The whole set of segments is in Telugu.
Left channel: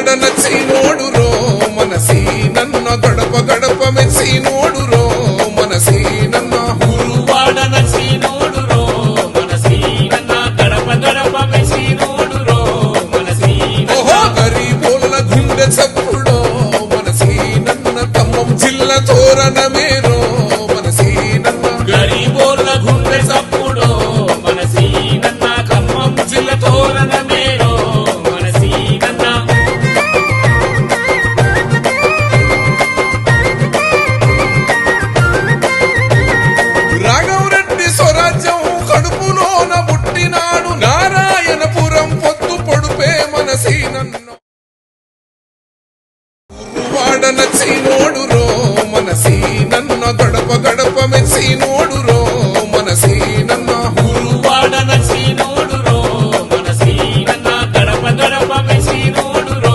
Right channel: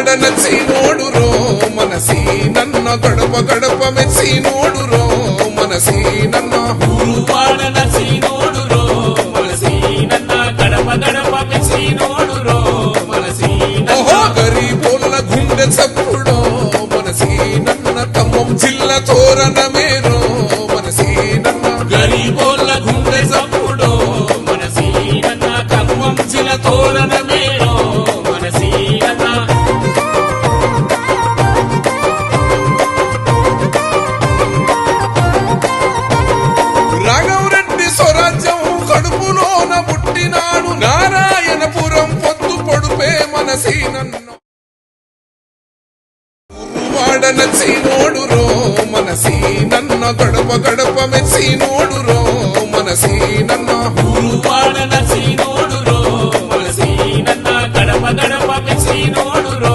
నచ్చి నోడురో మనసి నన్న గడప గడప మెచ్చి నోడురో మనసి నన్న ఓహో గరీబోళ్ళ గుండె చప్పుడో మనసి నన్న ఖమ్మం జిల్లా తోరణమేరో మనసి నన్న గరీబోళ్ళ గుండె చప్పుడో మనసి నన్న ఖమ్మం జిల్లా తోరణమేరో మనసి నన్న రాఘవరెడ్డి స్వరాజ్యం కడుపులోన పుట్టినాడు నారాయణపురం పొత్తు పొడుపే మనసి నన్ను వాడ నచ్చి నోడురో మనసి నన్న గడప గడప మెచ్చి నోడురో మనసి నన్న వాడనసి నోడురో మనసి నన్న గడప గడప మెచ్చి నోడురో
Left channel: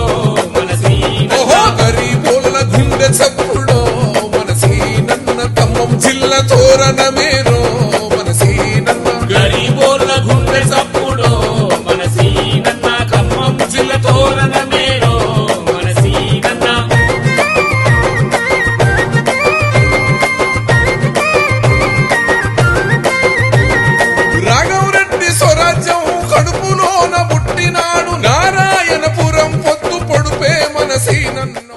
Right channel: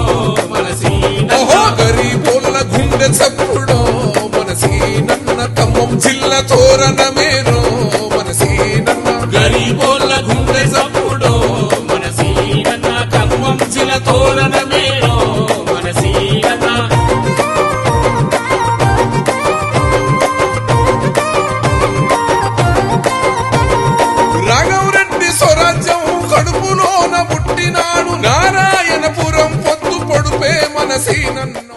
మనసి ఓహో గరీబోళ్ళ గుండె చప్పుడో మనసి నన్న ఖమ్మం జిల్లా తోరణమేరో మనసి నన్న గరీబోళ్ళ గుండె చప్పుడో మనసి నన్న ఖమ్మం జిల్లా తోరణమేరో మనసి నన్న రాఘవరెడ్డి స్వరాజ్యం కడుపులోన పుట్టినాడు నారాయణపురం పొత్తు పొడుపే మనసి నన్ను